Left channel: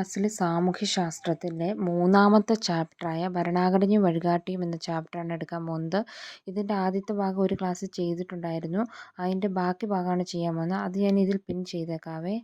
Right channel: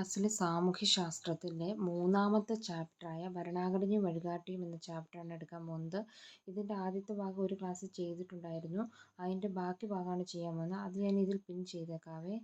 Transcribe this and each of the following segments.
ക്ലാസ്സിലെ സാമൂഹ്യശാസ്ത്രത്തിലെ മൂന്നാമത്തെ ചാപ്റ്ററായ ഭരണഘടനയും വഴികാട്ടിയും എന്ന ചാപ്റ്ററാണ് എടുക്കാൻ പോകുന്നത്. ഇതിന്റെ ആദ്യത്തെ ഭാഗം ഒരു ക്ലാസ്സിൽ ചെയ്തിട്ടുണ്ടായിരുന്നു. അതിന്റെ ബാക്കി ഭാഗമാണ് ചെയ്യാൻ പോകുന്നത്. അത് ഞാൻ ഇതിൽ പിൻ ചെയ്തേക്കാവേ.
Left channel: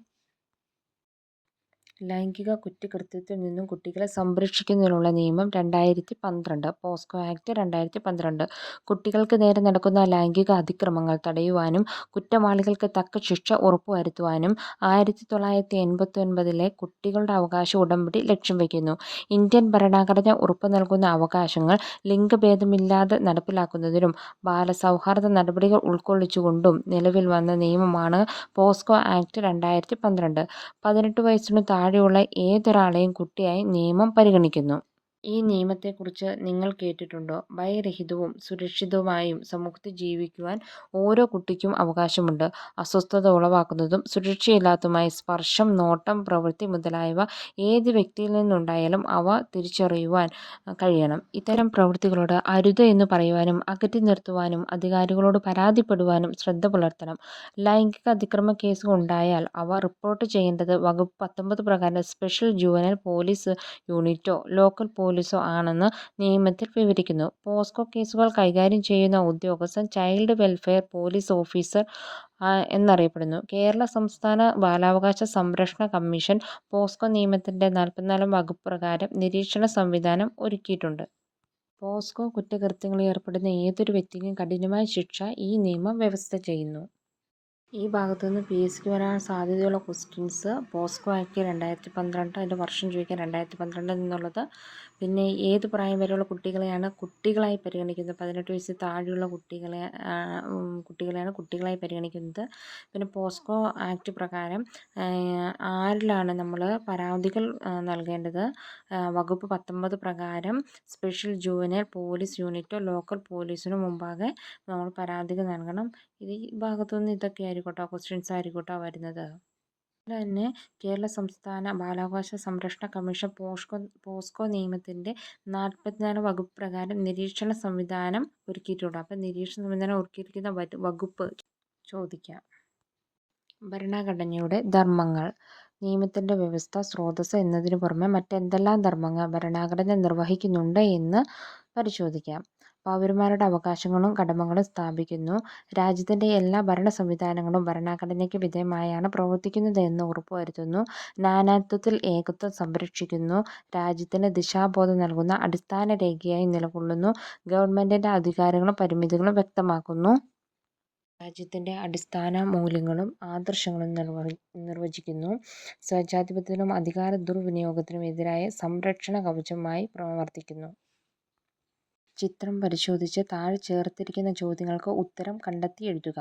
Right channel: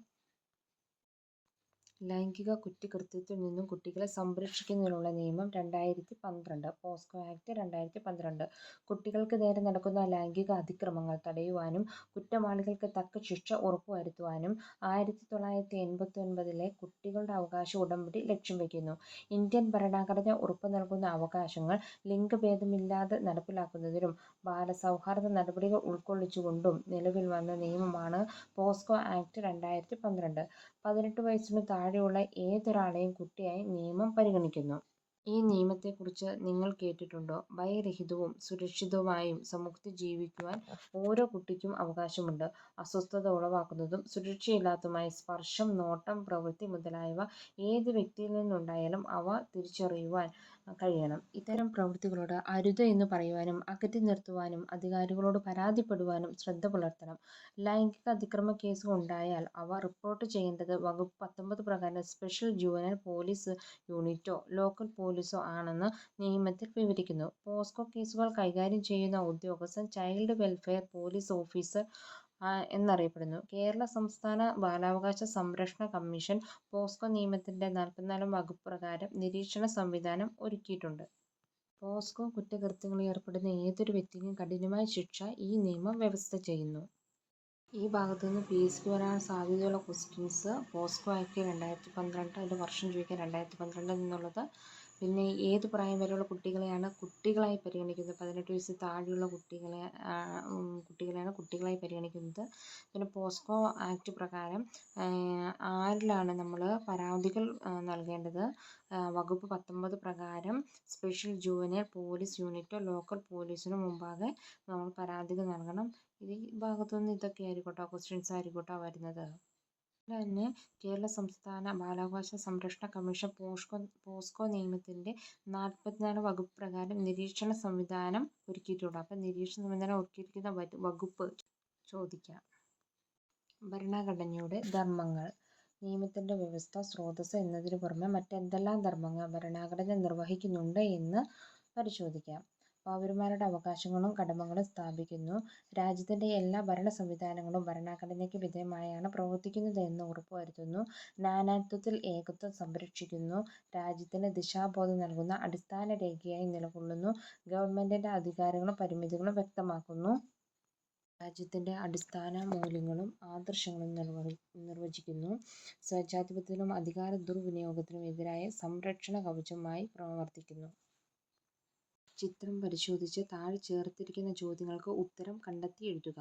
ലൈംഗിക കുറ്റകൃത്യത്തിൽ നിന്നും കുട്ടികളെ സംരക്ഷിക്കുന്നതിനുള്ള നിയമം രണ്ടായിരത്തി പന്ത്രണ്ട് പോസ്കോ ആക്ട് രണ്ടായിരത്തി പന്ത്രണ്ട് കുട്ടികൾക്ക് നേരെ നടക്കുന്ന ലൈംഗിക അതിക്രമങ്ങൾ തടയുവാനും കുറ്റവാളികൾക്ക് തക്ക ശിക്ഷ ഉറപ്പുവരുത്തുവാനും ആയിരത്തി തൊള്ളായിരത്തി എൺപത്തി ഒൻപതിലെ കുട്ടികളുടെ അവകാശ ഉടമ്പടി ലക്ഷ്യം വയ്ക്കുന്നു. ഇന്ത്യൻ ഭരണഘടന ഉറപ്പു നൽകുന്ന അവകാശങ്ങൾ ലിംഗഭേദമില്ലാതെ നടപ്പിലാക്കുന്നതിനും ബാലസൗഹാർദ്ദ നടപടികൾ ഉൾക്കൊള്ളിച്ചുകൊണ്ടും നിലവിൽ വന്ന നിയമമാണ് പോസ്കോ ആക്ട് രണ്ടായിരത്തി പന്ത്രണ്ട് പതിനെട്ട് വയസ്സിനു താഴെയുള്ള ഏതൊരാളെയും കുട്ടിയായി നിയമം പരിഗണിക്കുന്നു. ഈ നിയമത്തെക്കുറിച്ച് നിങ്ങൾ കേട്ടിട്ടുണ്ടോ? ഭയരഹിതവും സുരക്ഷിതവുമായും സമൂഹത്തിൽ ജീവിക്കുവാൻ ഓരോ കുട്ടിക്കും അവകാശമുണ്ട്. അസ്വസ്ഥത ഉളവാക്കുന്നതും സുരക്ഷയില്ലാത്തതുമായ സ്പർശം നോട്ടം പ്രവൃത്തി മുതലായവ ഏത് വ്യക്തിയിൽ നിന്നുണ്ടായാലും അവ തിരിച്ചറിയുവാൻ കഴിയണം. ഇത്തരം പ്രവൃത്തികളോട് അരുത് എന്ന് പറയുവാനും അകറ്റി നിർത്തുവാനും അധികാരികളോട് പരാതിപ്പെടുവാനും ശ്രദ്ധ പുലർത്തണം. ലൈംഗിക അതിക്രമ കേസുകൾ ഉണ്ടായാൽ അവ റിപ്പോർട്ട് ചെയ്യേണ്ടത് വകുപ്പ് പത്തൊമ്പത് പ്രകാരം സ്പെഷ്യൽ ജുവനൽ പോലീസ് യൂണിറ്റോ ലോക്കൽ പോലീസോ ആണെന്ന് നിയമത്തിൽ വിവരിക്കുന്നു. പോസ്കോ കേസുകൾ കൈകാര്യം ചെയ്യുന്ന ഉദ്യോഗസ്ഥൻ ചൈൽഡ് വെൽഫെയർ പോലീസ് ഓഫീസർ എന്നറിയപ്പെടുന്നു. കേരള സംസ്ഥാന ബാലാവകാശ സംരക്ഷണ കമ്മീഷൻ പോസ്കോ നിയമത്തിന്റെ നാൽപ്പത്തിനാലാം വകുപ്പ് പ്രകാരം നിരീക്ഷണ സംവിധാനം ഒരുക്കിയിട്ടുണ്ട്. പോസ്കോ കുറ്റകൃത്യങ്ങളിൽ ഏർപ്പെടുന്ന ഏതൊരു വ്യക്തിക്കും കഠിനമായ ശിക്ഷ ഈ നിയമം വ്യവസ്ഥ ചെയ്യുന്നു. ഈ ഭാഗത്തു നിന്ന് പി എസ് സിക്ക് വരാൻ സാധ്യതയുള്ള ക്വസ്റ്റ്യൻസ് പോസ്കോ ആക്ട് രണ്ടായിരത്തി പന്ത്രണ്ട് അതിന്റെ വർഷം ചോദിക്കാൻ രണ്ടായിരത്തി പന്ത്രണ്ടിൽ നിന്നുള്ളത് പിന്നെ ഏത് പ്രായം വരെയുള്ള കുട്ടികളെയാണ് കുട്ടികളായി പരിഗണിക്കുന്നത്? പതിനെട്ട് വയസ്സിൽ താഴെയുള്ള കുട്ടികളെ കുട്ടികളെയാണ് കുട്ടികളായി പരിഗണിക്കുന്നത്. പിന്നെ പോസ്കോ ആക്ട് പ്രകാരം ആരിലാണ് നമ്മൾ പരാതികൾ നൽകേണ്ടത്? വകുപ്പ് പത്തൊമ്പത് പ്രകാരം സ്പെഷ്യൽ ജൂനിയർ പോലീസ് യൂണിറ്റോ ലോക്കൽ പോലീസിനോ മുമ്പാകെ നമ്മൾ പരാതികൾ നൽകണം. ഇത് ഈ ഭാഗത്തുനിന്ന് ഇതൊക്കെ ആയിരിക്കട്ടോ? ക്വസ്റ്റ്യൻസ് ആയിരിക്കട്ടോ വരുന്നത്? തന്നെ കേരള സംസ്ഥാന ബാലാവകാശ സംരക്ഷണ കമ്മീഷൻ പോസ്കോ പോസ്കോ നിയമത്തിന്റെ നാൽപ്പത്തിനാല് വകുപ്പ് പ്രകാരം നിരീക്ഷണ സംവിധാനം ഒരുക്കിയിട്ടുണ്ട്. അപ്പം നിരീക്ഷണ സംവിധാനം ഒരുക്കിയിരിക്കുന്ന വകുപ്പ് ചോദിക്കാം. ഭരണഘടനയുടെ ധർമ്മങ്ങൾ. നിയമത്തിന്റെ വ്യവസ്ഥ സ്രോതസ് എന്നതിനു പുറമെ മറ്റെന്തെല്ലാം ധർമ്മങ്ങൾ ഭരണഘടന നിർവഹിക്കുന്നുണ്ട് എന്ന് പരിശോധിക്കാം. പൗരന്മാരുടെ അവകാശങ്ങളും കടമകളും സ്ഥാപിക്കുന്നു. രാജ്യത്തിന്റെ എല്ലാ ഭരണ സംവിധാനങ്ങളും ഭരണഘടനയ്ക്ക് വിധേയമായാണ് എന്ന് ഉറപ്പുവരുത്തുന്നു. നാനാത്വത്തിൽ ഏകത്വം സംരക്ഷിക്കുന്നു. രാജ്യത്തിന് ദിശാബോധം നൽകുന്ന അടിസ്ഥാന രേഖയായി നിലകൊള്ളുന്നു. ഗവൺമെന്റിന്റെ അധികാരങ്ങളും പരിമിതികളും വ്യക്തമാക്കുന്നു. രാജ്യത്തിന്റെ അടിസ്ഥാന മൂല്യങ്ങളും ആദർശങ്ങളും നിർവചിക്കുന്നു. സ്വേച്ഛാധിപത്യത്തിനും അധികാര ദുർവിനിയോഗത്തിനും എതിരായ സംരക്ഷണ കവചമായി പ്രവർത്തിക്കുന്നു. ചിത്രം പരിശോധിച്ച് താഴെ ചേർത്തിരിക്കുന്ന ചോദ്യങ്ങൾക്ക് ഉത്തരം കണ്ടെത്തി എഴുതുക.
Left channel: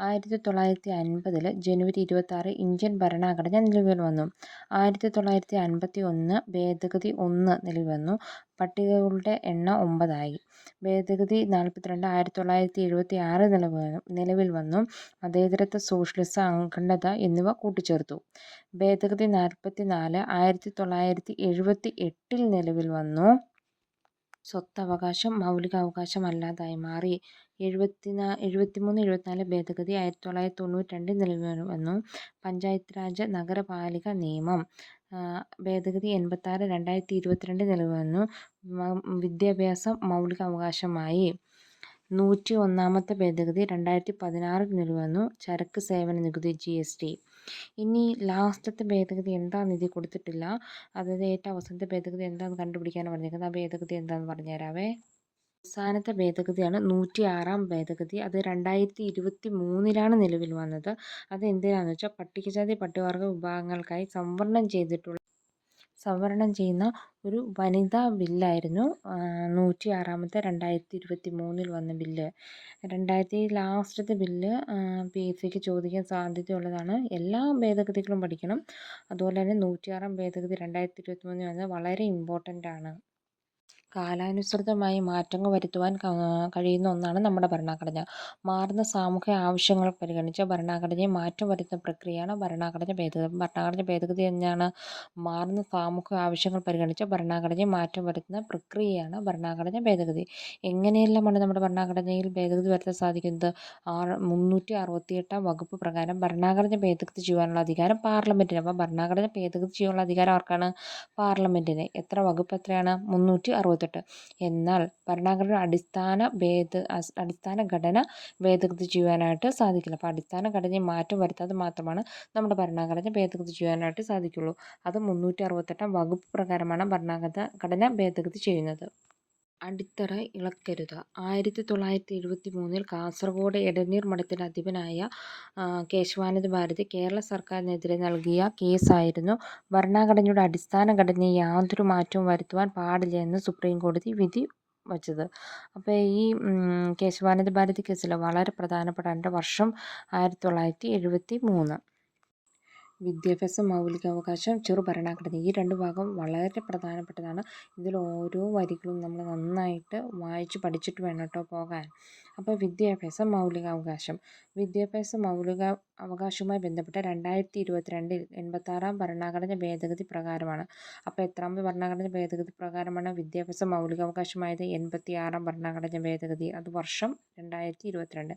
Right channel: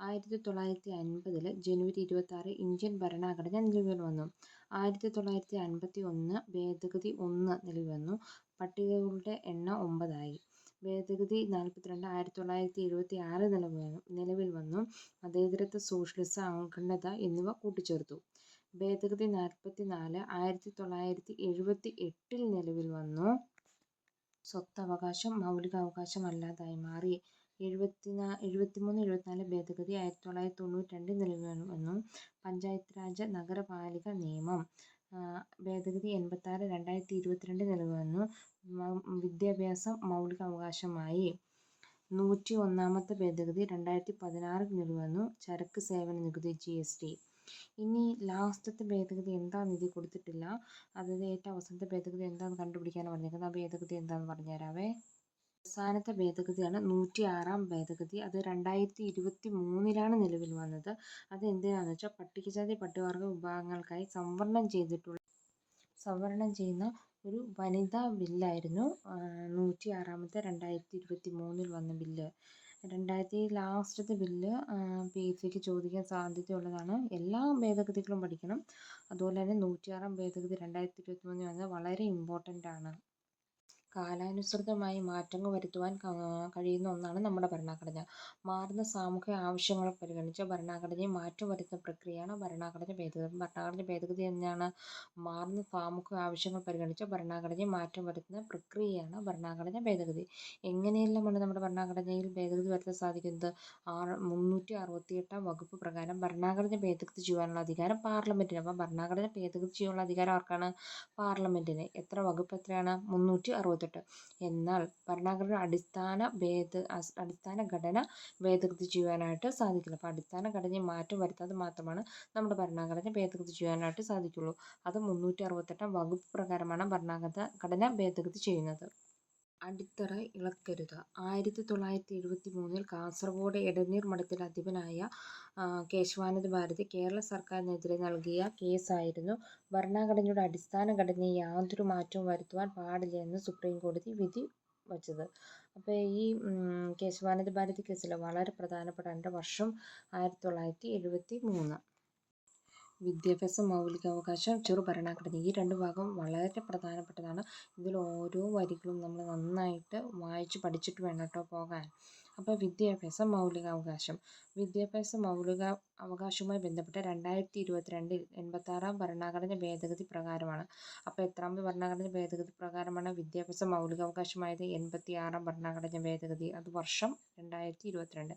ആയിരത്തി തൊള്ളായിരത്തി അൻപതിൽ ജനുവരി ഇരുപത്താറ് ഇന്ത്യൻ ഭരണഘടന നിലവിൽ വന്നു. ആയിരത്തി തൊള്ളായിരത്തി അൻപത്തി ഒന്ന് ഭേദഗതി ഒന്ന് നിലവിൽ വന്നു. പട്ടികകളുടെ എണ്ണം ഒമ്പതായി. ഭേദഗതി നാൽപ്പത്തിരണ്ട് ആയിരത്തി തൊള്ളായിരത്തി എഴുപത്തി ആറ് നിലവിൽ വന്നു. മതേതരത്വ സോഷ്യലിസം അഖണ്ഡത എന്നിവ കൂട്ടിച്ചേർത്തു. ഭേദഗതി നാൽപ്പത്തി നാല് ആയിരത്തി തൊള്ളായിരത്തി എഴുപത്തി എട്ടിൽ നിലവിൽ വന്നു. സ്വത്തവകാശം മൗലികാവകാശമല്ലാതായി മാറി. എഴുപത്തിമൂന്ന് എഴുപത്തിനാല് ഭേദഗതി ആയിരത്തി തൊള്ളായിരത്തി തൊണ്ണൂറ്റി രണ്ടിൽ നിലവിൽ വന്നു പഞ്ചായത്ത് രാജ് നഗരപാലിക നിയമം. ഭേദഗതി എൺപത്താറ് രണ്ടായിരത്തി ഇരുപത്തിരണ്ടിൽ നിലവിൽ വന്നു വിദ്യാഭ്യാസം മൗലിക അവകാശമായി നൂറ്റി ഒന്നാമത്തെ ഭേദഗതി രണ്ടായിരത്തി പതിനാറിൽ നിലവിൽ വന്നു ചരക്ക് സേവന നികുതി ജി എസ് ടി. ഇനി ലാസ്റ്റത്തെ ഭേദഗതി എന്താണെന്ന് ഇതിൽ കൊടുത്തിട്ടില്ല. അതായത് ഏറ്റവും അവസാനത്തെ ഭേദഗതി എന്താണെന്ന് കണ്ടുപിടിക്കാനാണ് പറഞ്ഞേക്കുന്നത് ആ ഭേദഗതി എന്താണെന്ന് പറഞ്ഞുതരാവേ. അവസാനത്തെ ഭേദഗതിയാണ് നൂറ്റി ആറാം ഭേദഗതി. അത് രണ്ടായിരത്തി ഇരുപത്തി മൂന്നിലാണ് നിലവിൽ വന്നത്. അത് എന്തിനാണെന്ന് വെച്ചാൽ പട്ടികജാതി പട്ടികവർഗ വിഭാഗങ്ങൾക്കായി സംവരണം ചെയ്തിട്ടുള്ള സംവരണം ചെയ്യുന്ന ഒരു വനിതാ ബില്ലായിരുന്നു നൂറ്റി ആറാമത്തെ രണ്ടായിരത്തി ഇരുപത്തി മൂന്നിൽ വന്ന ബില്ല്. രണ്ടായിരത്തി ലാസ്റ്റത്തെ ബില്ല് പി എസ് സിക്ക് ചോദിക്കാൻ സാധ്യതയുള്ളതാണ്. എല്ലാ ഭേദഗതികളും പഠിക്കണം. അതുപോലെ തന്നെ നൂറ്റിയാറാം ഭേദഗതി രണ്ടായിരത്തി ഇരുപത്തി മൂന്നിൽ വന്നത് വളരെ ഇമ്പോർട്ടന്റ് ആണ്. കാലാനുസൃതമായി മാറ്റങ്ങൾ വരുത്തുവാൻ കഴിയുന്ന ഒന്നാണ് നമ്മുടെ ഭരണഘടന. മാറുന്ന സാമൂഹിക ആവശ്യങ്ങൾ പരിഗണിച്ച് ഭരണഘടനയെ മാറ്റം വരുത്തുന്ന പ്രക്രിയയാണ് ഭരണഘടന ഭേദഗതി ഭരണഘടന ഭേദഗതി എന്നാണ് മാറുന്ന സാമൂഹിക ആവശ്യങ്ങൾ പരിഗണിച്ച് ഭരണഘടനയെ മാറ്റം വരുത്തുന്ന പ്രക്രിയയാണ് ഭരണഘടന ഭേദഗതി. എങ്ങനെയെല്ലാമാണ് നമ്മുടെ ഭരണഘടനയിൽ ഭേദഗതി വരുത്താൻ സാധിക്കുന്നത്? ആറ് മുന്നൂറ്റി അറുപത്തി എട്ടാം വകുപ്പ് പ്രകാരം ഭരണഘടന ഭേദഗതി ചെയ്യുവാനുള്ള അധികാരം പാർലമെന്റിന് അപ്പോൾ ഭരണഘടന ഭേദഗതി ചെയ്യാനുള്ള അധികാരം ആർക്കാണ്? പാർലമെന്റിന് എത്ര വകുപ്പ് എത്രയാണ്? മുന്നൂറ്റി അറുപത്തെട്ട് എന്നാൽ ഭരണഘടന അടിസ്ഥാന ഭേദ അടിസ്ഥാന ഘടന ഭേദഗതി ചെയ്യുവാനായിട്ട് സാധിക്കില്ല. അപ്പോൾ അടിസ്ഥാന ഘടനയിൽ മാറ്റം വരുത്താതെ മാത്രമാണ് നമ്മുടെ ഭരണഘടന ഭേദഗതി ചെയ്യുവാനായിട്ട് സാധിക്കുള്ളൂ. അത് മുന്നൂറ്റി അറുപത്തെട്ടാം വകുപ്പ് പ്രകാരമാണ് ഭരണഘടന ഘടന ഭേദഗതി ചെയ്യുന്നത്. അടിത്തറ ഇളക്കരുത്. ആയിരത്തി തൊള്ളായിരത്തി എഴുപത്തി മൂന്നിൽ കാസർഗോഡ് എടനീർ മഠത്തിന്റെ അധിപനായ കേശവാനന്ദ ഭാരതി കേരള സർക്കാരിനെതിരെ നൽകിയ കേസായിരുന്നു. ഭരണഘടനയുടെ അടിസ്ഥാന ഘടനയിൽ യാതൊരു മാറ്റവും വരുത്തുവാൻ പാടില്ല എന്ന് സുപ്രീം കോടതി വിധി വച്ചത്. അപ്പോൾ ഈ കേശവാനന്ദ ഭാരതി കേസിൽ വളരെ പ്രധാനപ്പെട്ട വർഷം ആയിരത്തി തൊള്ളായിരത്തി എഴുപത്തി മൂന്ന് വിദ്യാഭ്യാസം മൗലികാവകാശം ചെറു ഭരണഘടന. ഈ രണ്ട് ഭാഗം വളരെ പ്രധാനപ്പെട്ടതാണ്. ഇതിൽ ഓരോ വരികളും നമ്മൾ നന്നായിട്ട് വായിച്ച് പഠിച്ചിട്ട് വേണം കേട്ടോ പോകാൻ. അപ്പോൾ വിദ്യാഭ്യാസ മൗലികാവകാശം. വിദ്യാഭ്യാസ മൗലിക അവകാശവുമായി ബന്ധപ്പെട്ട രണ്ടായിരത്തി ഇരുപത്തിരണ്ടിൽ എൺപത്താറാം ഭരണഘടന ഭേദഗതി പ്രകാരമാണ്. അപ്പോൾ എത്രാമത് ഭരണഘടന ഭേദഗതി പ്രകാരമാണ് വിദ്യാഭ്യാസ മൗലികാവകാശമായത്? എൺപത്തിയാറാം ഭരണഘടന ഭേദഗതി അത് വർഷം രണ്ടായിരത്തി ഇരുപത്തിരണ്ട്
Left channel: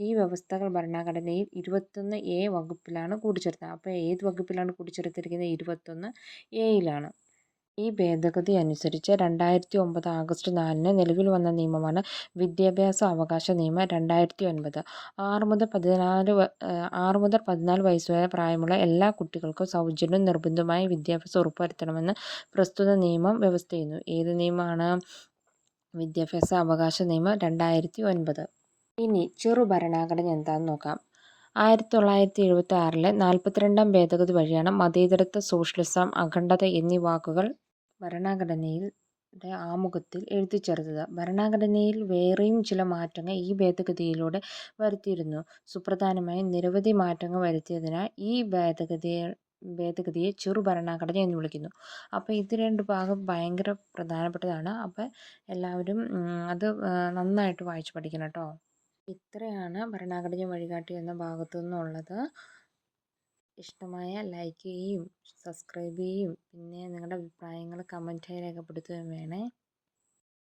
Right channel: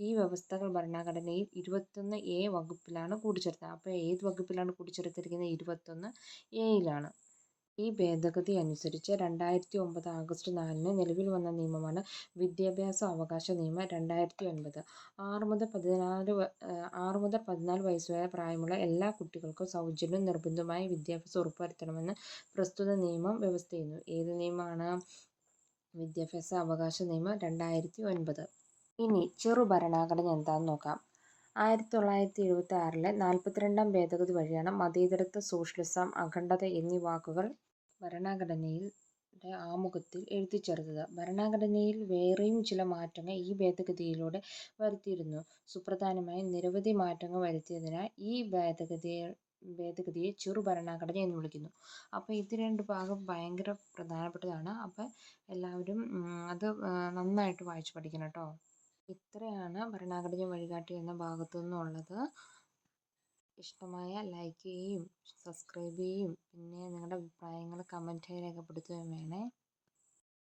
ഈ വ്യവസ്ഥകൾ ഭരണഘടനയിൽ ഇരുപത്തൊന്ന് എ വകുപ്പിലാണ് കൂടിച്ചേർത്തത്. അപ്പോൾ ഏത് വകുപ്പിലാണ് കൂടിച്ചേർത്തിരിക്കുന്നത്? ഇരുപത്തൊന്ന് എയിലാണ്. ഈ ഭേദഗതി അനുസരിച്ച് രണ്ടായിരത്തി ഒമ്പത് ആഗസ്റ്റ് നാലിന് നിലവിൽ വന്ന നിയമമാണ് വിദ്യാഭ്യാസ അവകാശ നിയമം രണ്ടായിരത്തി ഒൻപത് ആറ് മുതൽ പതിനാല് ആറ് മുതൽ പതിനാല് വയസ്സ് വരെ പ്രായമുള്ള എല്ലാ കുട്ടികൾക്കും സൗജന്യവും നിർബന്ധവുമായ വിദ്യാഭ്യാസം ഉറപ്പുവരുത്തണമെന്ന് പ്രസ്തുത നിയമം വ്യവസ്ഥ ചെയ്യുന്നു ഏത് നിയമമാണ് വിദ്യാഭ്യാസ അവകാശ നിയമം രണ്ടായിരത്തി ഒൻപത് ഇനി ചെറു ഭരണഘടന എന്താണെന്ന് നോക്കാം. ആയിരത്തി തൊള്ളായിരത്തി എഴുപത്തി ആറിലെ നാൽപ്പത്തിരണ്ടാം ഭേദഗതി വഴിയാണ് മതേതരത്വ സോഷ്യലിസം അഖണ്ഡത എന്നീ വാക്കുകൾ ഭരണഘടനയിൽ ആമുഖത്തിൽ എഴുതിച്ചേർത്തത് ഭരണഘടനയിൽ വേറെയും ചില മാറ്റങ്ങൾ ഈ ഭേദഗതിയിലൂടെ വരുത്തിയിരുന്നു. സുപ്രധാനമായി നിരവധി മാറ്റങ്ങൾ വരുത്തിയതിനാൽ ഈ ഭേദഗതി ഭേദഗതിയെ ചെറു ഭരണഘടന എന്ന് വിളിക്കുന്നു. അപ്പോൾ ഇത് രണ്ട് ഭാഗം ഭയങ്കര പ്രധാനപ്പെട്ടതാണ്. അപ്പോൾ എല്ലാവരും അത് നന്നായിട്ട് വായിച്ച് പഠിക്കണം കേട്ടോ. ഇത്രയാണ് ഭരണഘടന വഴികാട്ടി എന്ന ഭാഗത്തു നിന്നുള്ളത് ഇഷ്ടമായ ലൈക്ക് ചെയ്യുകയും സബ്സ്ക്രൈബ് ചെയ്യുകയും പിന്നെ നിങ്ങളുടെ അഭിപ്രായങ്ങൾ കമന്റായി രേഖപ്പെടുത്തുകയും വേണേ.